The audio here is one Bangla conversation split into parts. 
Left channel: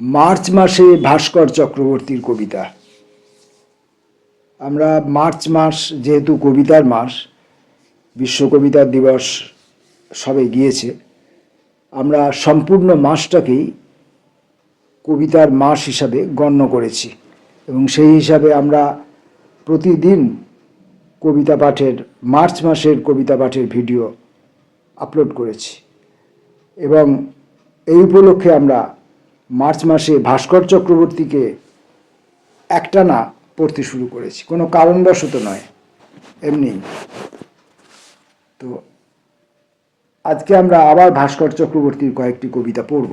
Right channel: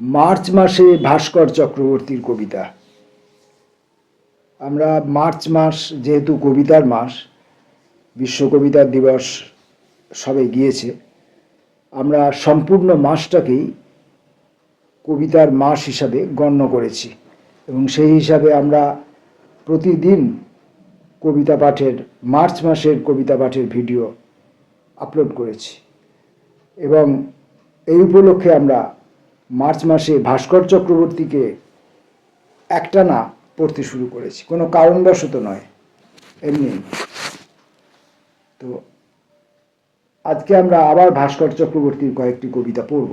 মার্চ মাসে ভাস্কর চক্রবর্তীর কবিতা। আমরা মার্চ মাস যেহেতু কবিতার মাস, বিশ্ব কবিতা দিবস সবে গিয়েছে, আমরা সম্পূর্ণ মাসটাকেই কবিতার মাস হিসাবে গণ্য করেছি এবং সেই হিসাবে আমরা প্রতিদিন কবিতা পাঠের, মার্চ মাসের কবিতা পাঠের ভিডিও আপলোড করেছি এবং এই উপলক্ষে আমরা মার্চ মাসে ভাস্কর চক্রবর্তীকে একটানা পড়তে শুরু করেছি, কোনো কারণবশত নয়, এমনি। তো আজকে আমরা আবার ভাস্কর চক্রবর্তীর কয়েকটি কবিতা পড়ব।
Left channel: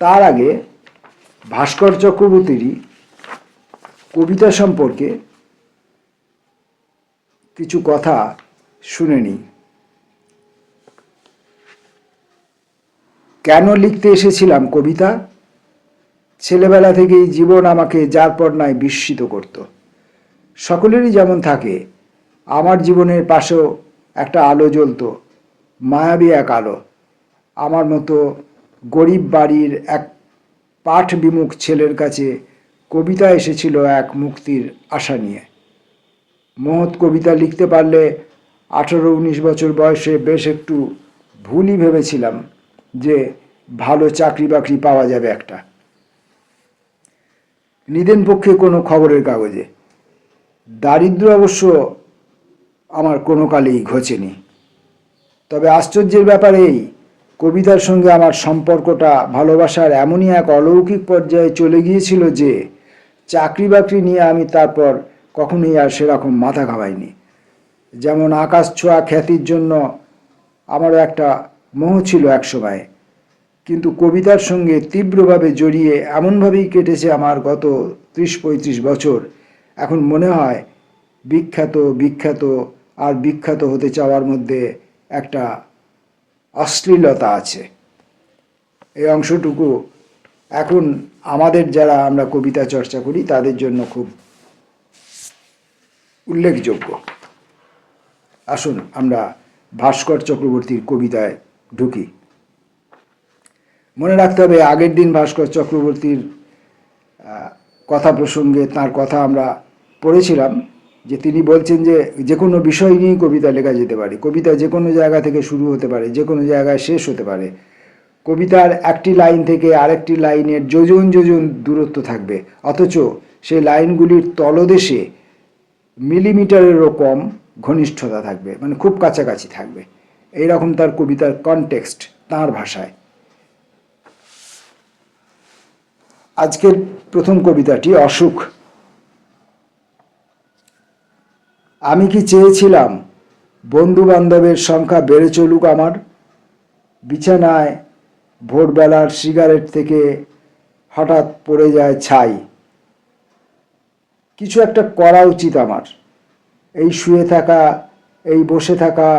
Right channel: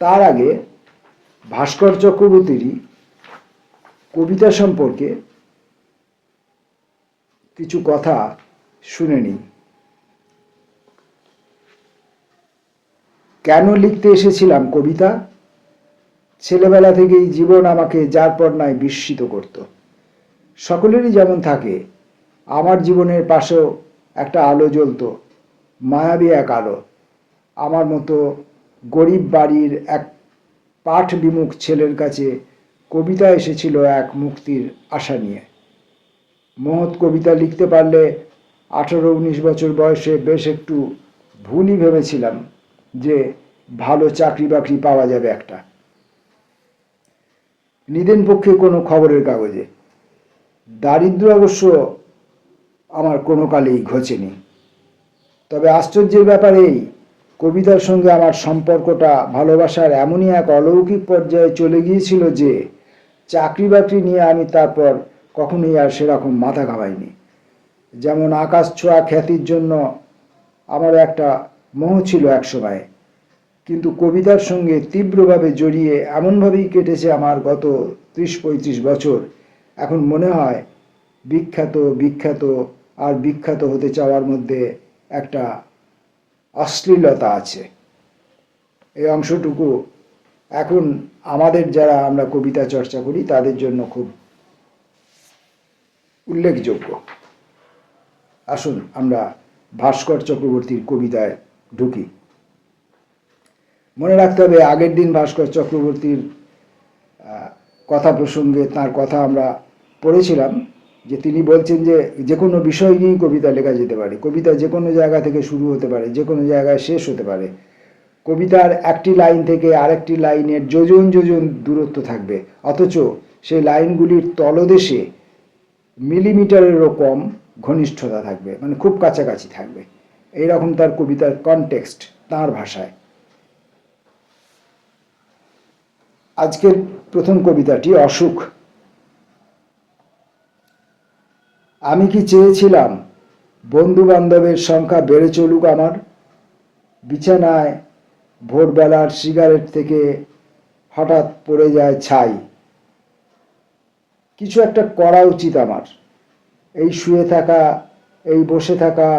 তার আগে ভাস্কর চক্রবর্তীরই কবিতা সম্পর্কে কিছু কথা শুনে নিই। কেন লিখতে এসেছিলাম কবিতা? ছেলেবেলা থেকেই জীবন আমাকে যার পর নাই বিস্মিত করত। সকলেরই যেমন থাকে, আমার জীবনের পাশেও একটা আলো জ্বলত, মায়াবী এক আলো। আমার মতো গরিব বাড়ির এক পাঠ বিমুখ ছেলের কাছে কবিতা এসেছিল এক মুক্তির আশা নিয়ে। মহৎ কবিতা লিখতে পারলে 18-19 বছর বয়সে বেশ একটু ভুলই ভেবেছিলাম যে ভালো চাকরি বাকরি পাওয়া যাবে একটা। নিদেন পক্ষে কোনো খবরের কাগজে। দারিদ্র অবশ্য আমার কোনো কালেই ঘোচেনি। তবে আশ্চর্যের ব্যাপার এই, কবিতার সঙ্গে আমার সম্পর্কটা ভালোবাসার এমনই এক অলৌকিক পর্যায়ে চলে গিয়েছিল যে চাকরি বাকরি নিয়ে আমি তারপর কখনোই আর সেরকম মাথা ঘামাইনি। যেমন আকাশ ছোঁয়া খ্যাতির জন্য আমারও একটা মোহ ছিল এক সময়, কিন্তু কবিতার সঙ্গে তীব্রভাবে জড়িয়ে এমনভাবেই কেটেছে আমার গত 30-35 বছর। এখন মনে হয় বিখ্যাত বিখ্যাত আর বিখ্যাত হতে চাওয়ার মধ্যে একটা অশ্লীলতা আছে। এই অংশটুকু এখন আমাদের যারা আমরা কবিতা চর্চা করি তাদের জন্য খুব উল্লেখযোগ্য। আসুন আমরা ভাস্কর চক্রবর্তীর কবিতায় ঢুকি। মনে রাখতে হবে, আগের দিন ভাস্কর চক্রবর্তীর কথা প্রসঙ্গে তার কথা আমরা পড়েছিলাম যে তিনি বলছেন যে যে কোনো বিষয় নিয়েই কবিতা লেখা যেতে পারে, কবিতা যে কোনো জায়গা থেকে শুরু হতে পারে, যে কোনো জায়গায় শেষ হতে পারে। কবিতার একটি লাইন থেকে আরেকটি লাইনের যোজন যোজন দূরত্ব থাকবে, অথচ সেই লাইনগুলির তলদেশে মিলিমিটারেরও কম ঘনিষ্ঠতা থাকবে, মানে খুব কাছাকাছি থাকবে। এইরকম তার কবিতার কনটেক্সট, তাঁর ভাষায়। আজকের প্রথম কবিতাটি অসুখ। আমি কি চেয়েছিলাম বন্ধু বান্ধবের সংখ্যা বেড়ে চলুক আমার? বিছানায় ভোরবেলার সিগারেট থেকে হঠাৎ পড়ে যায় ছাই। কিছু একটা করা উচিত আমার। এই শুয়ে থাকা, এই বসে থাকা,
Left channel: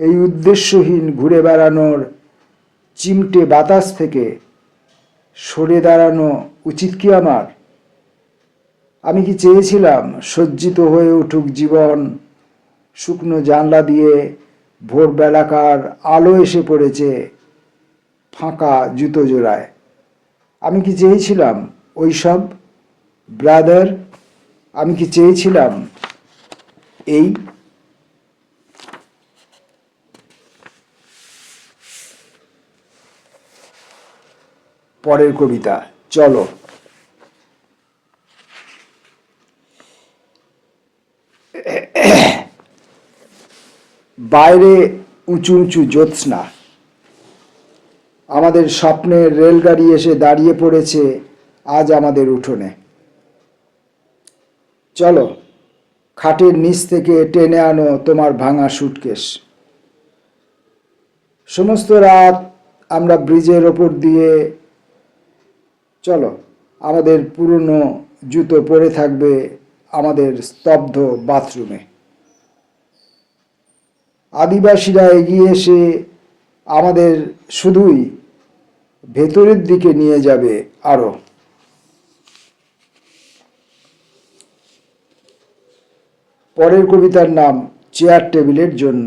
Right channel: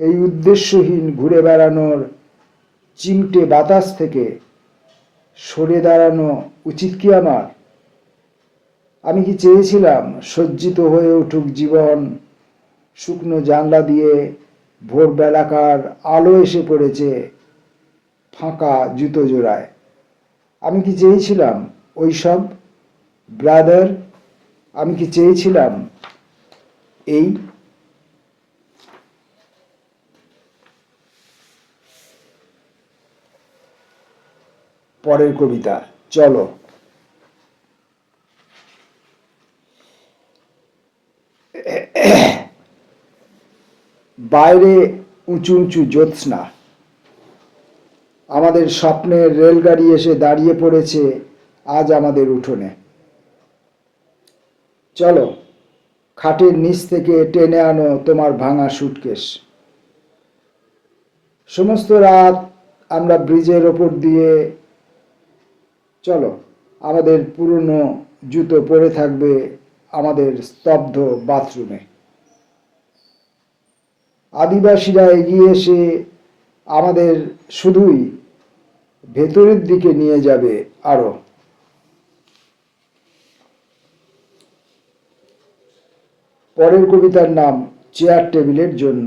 এই উদ্দেশ্যহীন ঘুরে বেড়ানোর চিমটে বাতাস থেকে সরে দাঁড়ানো উচিত কি আমার? আমি কি চেয়েছিলাম সজ্জিত হয়ে উঠুক জীবন, শুকনো জানলা দিয়ে ভোরবেলাকার আলো এসে পড়েছে ফাঁকা জুতো জোড়ায়। আমি কি চেয়েছিলাম ওইসব ব্রাদার? আমি কি চেয়েছিলাম এই? পরের কবিতা, চলো। বাইরে উঁচু উঁচু জ্যোৎস্না, আমাদের স্বপ্নের রেলগাড়ি এসে দাঁড়িয়ে পড়েছে আজ আমাদের উঠোনে। চলো, খাটের নিচ থেকে টেনে আনো তোমার ভাঙা সুটকেস। সমস্ত রাত আমরা ব্রিজের ওপর দিয়ে, চলো, আমাদের পুরনো জুতো পরে থাকবে আমাদের স্তব্ধ বাথরুমে। আদিবাসীরা এগিয়ে এসে আমাদের শুধুই ভেতরের দিকে নিয়ে যাবে আরো। পরের কবিতার নাম চেয়ার টেবিলের জন্য।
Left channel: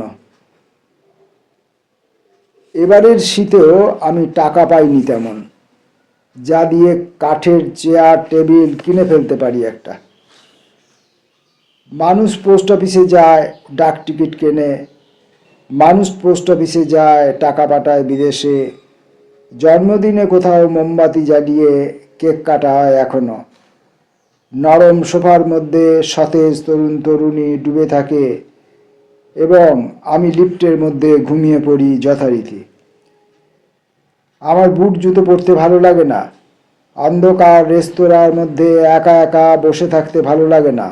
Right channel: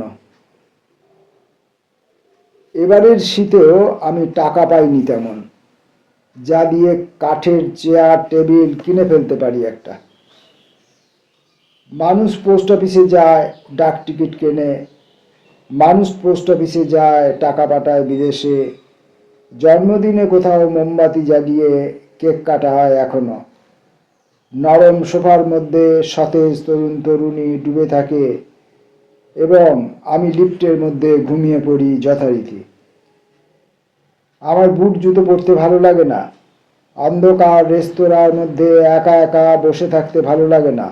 এবারের শীতেও আমি টাকা পাইনি তেমন। যা দিয়ে কাঠের চেয়ার টেবিল কিনে ফেলতে পারি একটা। মানুষ পোস্ট অফিসে যায়, ডাক টিকিট কেনে, মানুষ পোস্ট অফিসে যায়, টাকা পাঠায় বিদেশে, জন্মদিনে কোথাও মোমবাতি জ্বালিয়ে কেক কাটা হয় এখনো। নরম সোফার মধ্যে সতেজ তরুণ তরুণী ডুবে থাকে এবং আমি লিফটের মধ্যে ঘুমিয়ে পড়ি যথারীতি। আমার বুট জুতো পরতে ভালো লাগে না, অন্ধকার রেস্তোরাঁর মধ্যে একা একা বসে থাকতে ভালো লাগে না,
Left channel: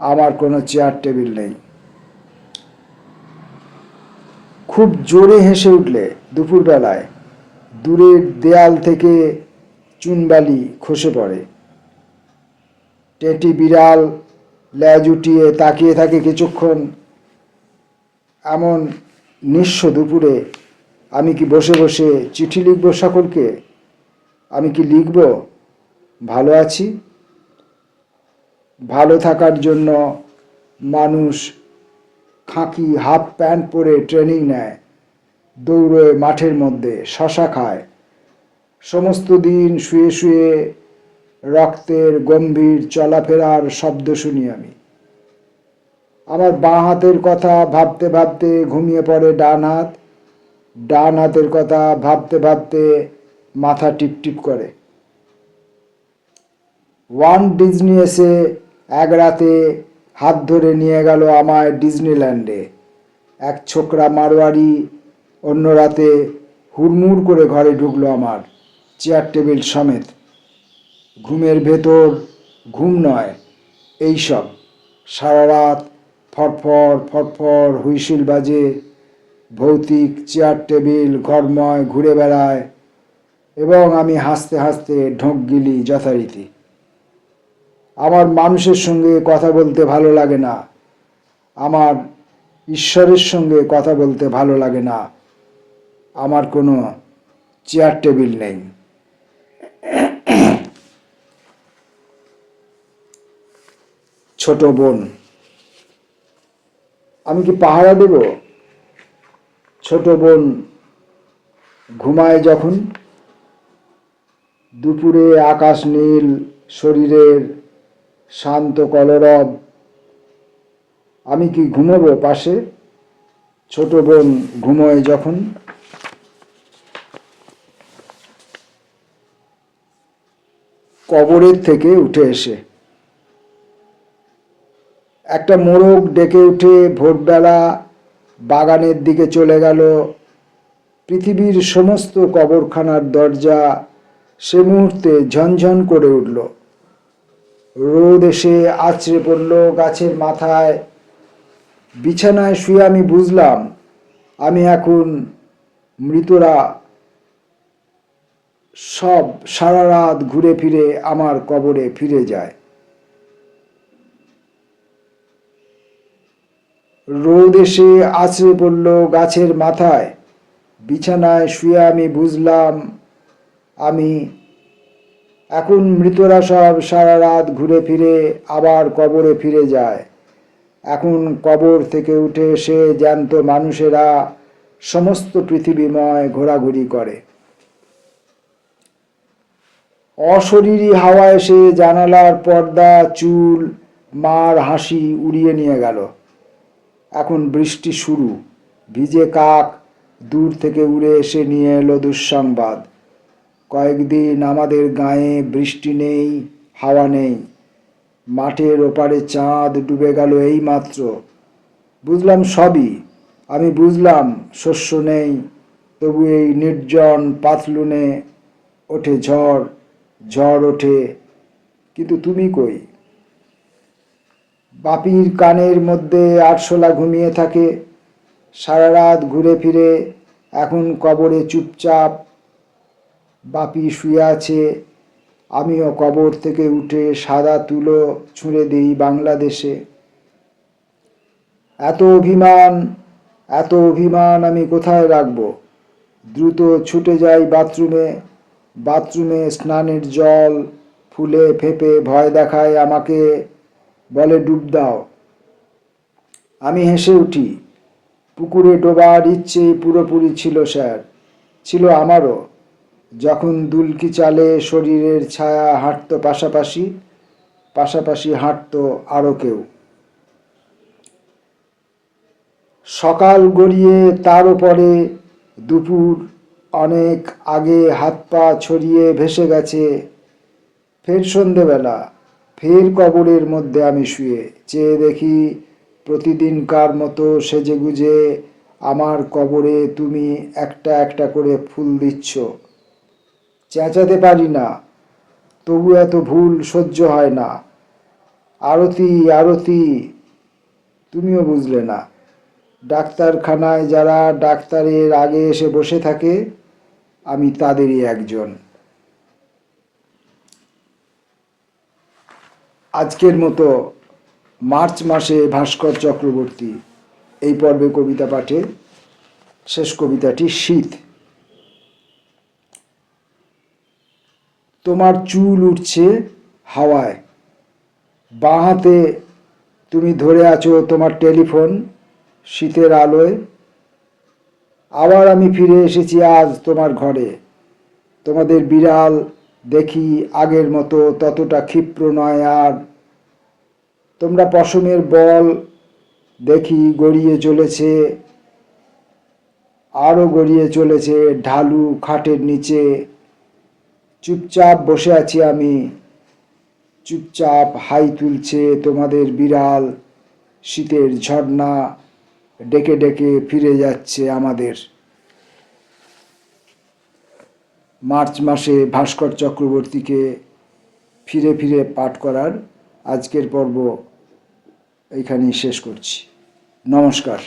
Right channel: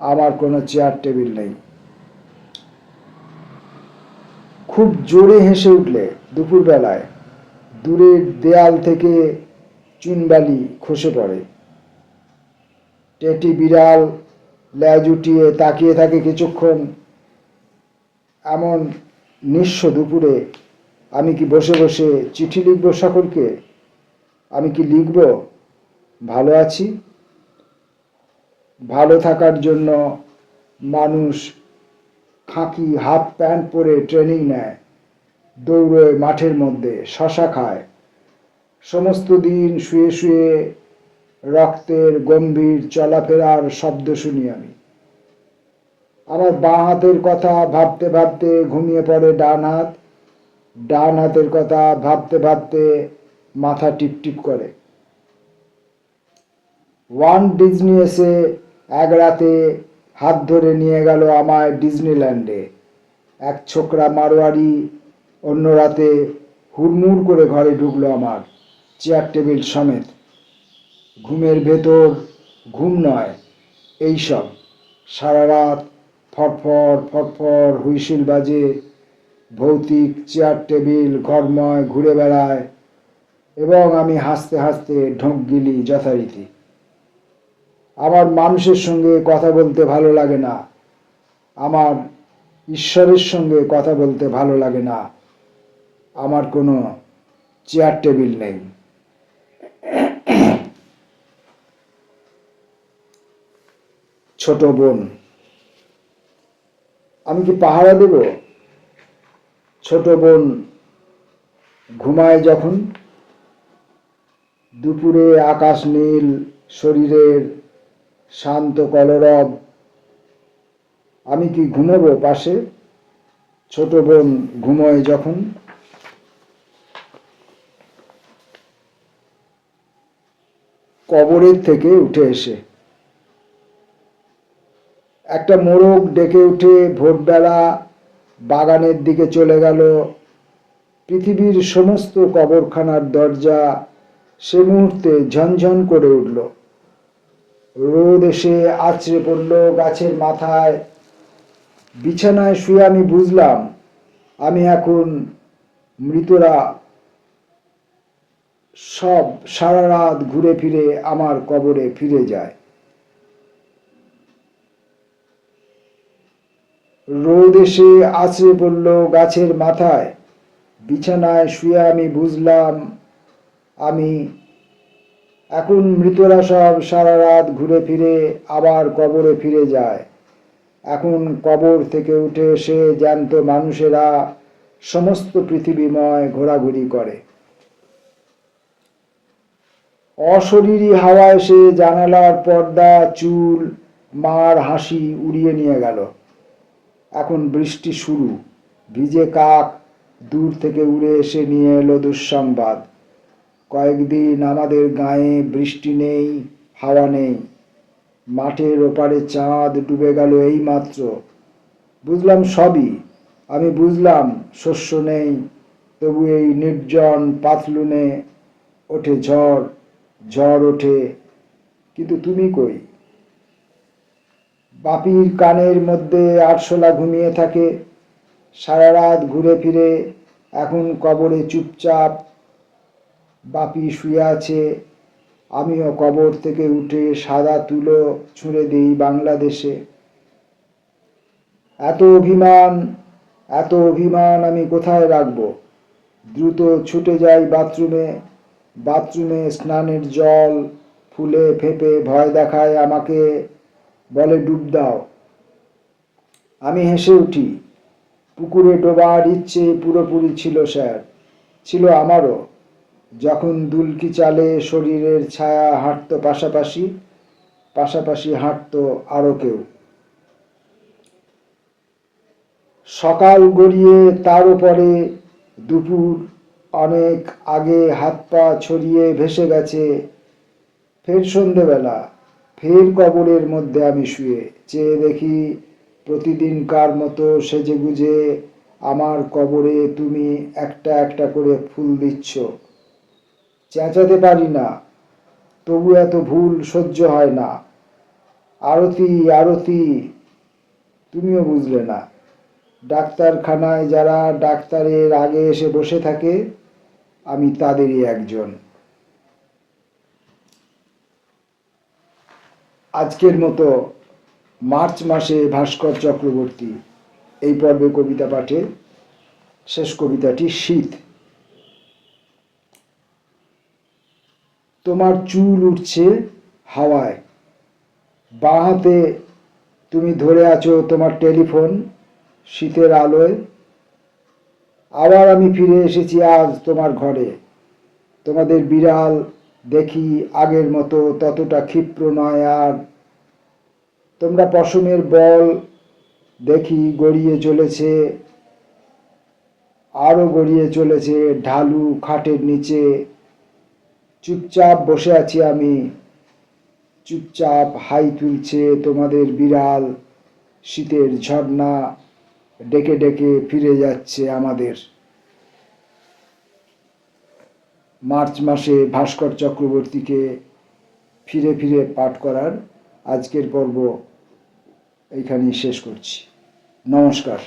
আমার কোনো চেয়ার টেবিল নেই। খুব জোরে হেসে উঠলে দুপুরবেলায় দূরের দেয়াল থেকে চুনবালি খসে পড়ে। টেটি বিড়াল লেজ উঠিয়ে তাকিয়ে থাকে কিছুক্ষণ। এমন নিঃস্ব দুপুরে আমি কি বসে বসে চিঠি লিখব সকলকে? আমি কি লিখব ভালো আছি? ভালো থাকার জন্য মানুষ খাকি হাফ প্যান্ট পরে ট্রেনিং নেয়, দৌড়ে মাঠের মধ্যে, শশা খায়। সমস্ত দিন শুয়ে শুয়ে রক্তের গম্ভীর চলাফেরার শব্দ শুনি আমি। আমার বাঁ হাতের কথা ভাবতে ভাবতে ঘুমিয়ে পড়ে ডান হাত, ডান হাতের কথা ভাবতে ভাবতে মাথা টিপটিপ করে। ওয়ান ডিজনি এসে এক রাতে হাত ধরে নিয়ে গেল আমায় ডিজনিল্যান্ডে। এক ছোকরা মারোয়ারি অন্য রাতে হুড়মুড় করে ঘরে ঢুকলো আমার, চেয়ার টেবিল সমেত। ঘুমের ভেতর ঘুম নয়, এইসব সারা রাত ফটফর ফটফর হুইসিল বাজে, ভৌতিক চেয়ার টেবিল ঘরময় ঘুরে বেড়ায় এবং আমি হাসতে হাসতে ঢোক গিলি যথারীতি। আমার মানুষের সঙ্গে কথা বলতে ভালো লাগে না, আমার ঈশ্বরের সঙ্গে কথা বলতে ভালো লাগে না, আমার কোনো চেয়ার টেবিল নেই। ছোট বোন, আমি কি পাহারা দেব? ছোট বোন ঘুমায় যখন, দুপুরে আকাশ নীল, শরীরের শান্ত কলরব, আমি কি ঘুমোবো পাশে? ছোট বোন ঘুমোয় যখন। কবরের থেকে উঠে এসে একটা মোরগ ডেকে উঠে ভোরবেলা বাগানের দিকে চলে গেল। পৃথিবীর সমস্ত কবরখানার দরজা সে মুহূর্তে ঝনঝন করে উঠল। রোদ এসে আছড়ে পড়ল গাছের মাথায়। বিছানায় শুয়ে আমি বুঝলাম আমি এখন মৃতরা সব সারা রাত ঘুরে ফিরে আমার কবরে ফিরে যায়। রোদ এসে আছড়ে পড়ল গাছের মাথায়। বিছানায় শুয়ে আমি বুঝলাম আমি এখন মৃতরা সব সারা রাত ঘুরে ফিরে আবার কবরে ফিরে যায়। এখন কবর থেকে উঠে এসে জ্যান্ত মানুষেরা সমস্ত পৃথিবীময় ঘোরাঘুরি করে। অশরীরী হাওয়া এসে জানালার পর্দা, চুল, মার হাসি উড়িয়ে নিয়ে গেল। এখন বৃষ্টি শুরু। ভিজে কাক দূর থেকে উড়ে এসে নিয়ে এলো দুঃসংবাদ। কয়েকদিন আমাদের গায়ে বৃষ্টি নেই, হাওয়া নেই। মাঠের ওপারে চাঁদ ডুবে গেল এই মাত্র। বুঝলাম সবই। আমি বুঝলাম শস্য নেই, তবু এই নির্জন পাতলুনে ওঠে ঝড়, ঝড় ওঠে, কিন্তু তুমি কই? বাপির কানের মধ্যে আরশোলা ঘুমিয়ে থাকে, সারা রাত ঘুরে ফিরে এখন কবরে চুপচাপ। বাপি শুয়ে আছে, আমিও কবর থেকে উঠে সাদা তুলো ছুঁড়ে দিই বাংলাদেশে। এত অভিমান, এত অভিমান আমি কোথায় রাখবো? দ্রুত ছুটে যাই বাথরুমে। বাথরুমে স্নানের জল ফুলে ফেপে ভয় দেখায় আমাকে, বলে ডুব দাও। আমি হেসে উঠি। পুকুরে ডোবার ইচ্ছে পুরোপুরি ছিল স্যার, ছিল আমারও। যখন দুলকি চালে শরীরের ছায়া হাঁটতো পাশাপাশি, পাশাপাশি হাঁটতো আরও কেউ। সকাল গড়িয়ে তার উপরে দুপুর, অনেক আগে হাত পা ছড়িয়ে ভেসে গেছে। ফের সন্ধেবেলা, ফের কবরের মধ্যে আমি শুয়ে চেয়ে দেখি প্রতিদিনকার মতো সেজেগুজে আমার কবরে তুমি একটা একটা করে ফুল দিচ্ছ। চেঁচাতে পারি না, তবু এত ভুল সহ্য হয় না। আরতি আরতি, তুমিও বুঝলে না। ডাক্তারখানায় যারা ডাক্তারের আগে এসে বসে থাকে, আমি তাদেরই একজন। আজকের মতো মার্চ মাসে ভাস্কর চক্রবর্তী এই পর্বে কবিতা পাঠে শেষ কবিতাটি শীত। তোমার চুল উঠছে হাওয়ায়, বাঁ হাতে তুমি ধরে আছো তোমার টেলিফোন শীতের আলোয়। আবার আমি ফিরে এসেছি আজ তোমার ঘরে। তোমাদের বিড়াল দেখি আগের মতো ততটা ক্ষিপ্র নয় আর। তোমরা পশমের বল দেখি গড়িয়ে চলেছে, আরও গড়িয়ে চলেছে ঢালু খাটের নিচে। চুপচাপ বসে আছি আমি, চুপচাপ হাই তুলছে তোমাদের বিড়াল। শীতের ঝর্ণা ডেকে ডেকে ফিরে যাচ্ছে আমাদের। মার্চ মাসে ভাস্কর চক্রবর্তীকে ফিরে ফিরে পাঠ করার আজকের পর্ব এইখানেই শেষ করছি। নমস্কার।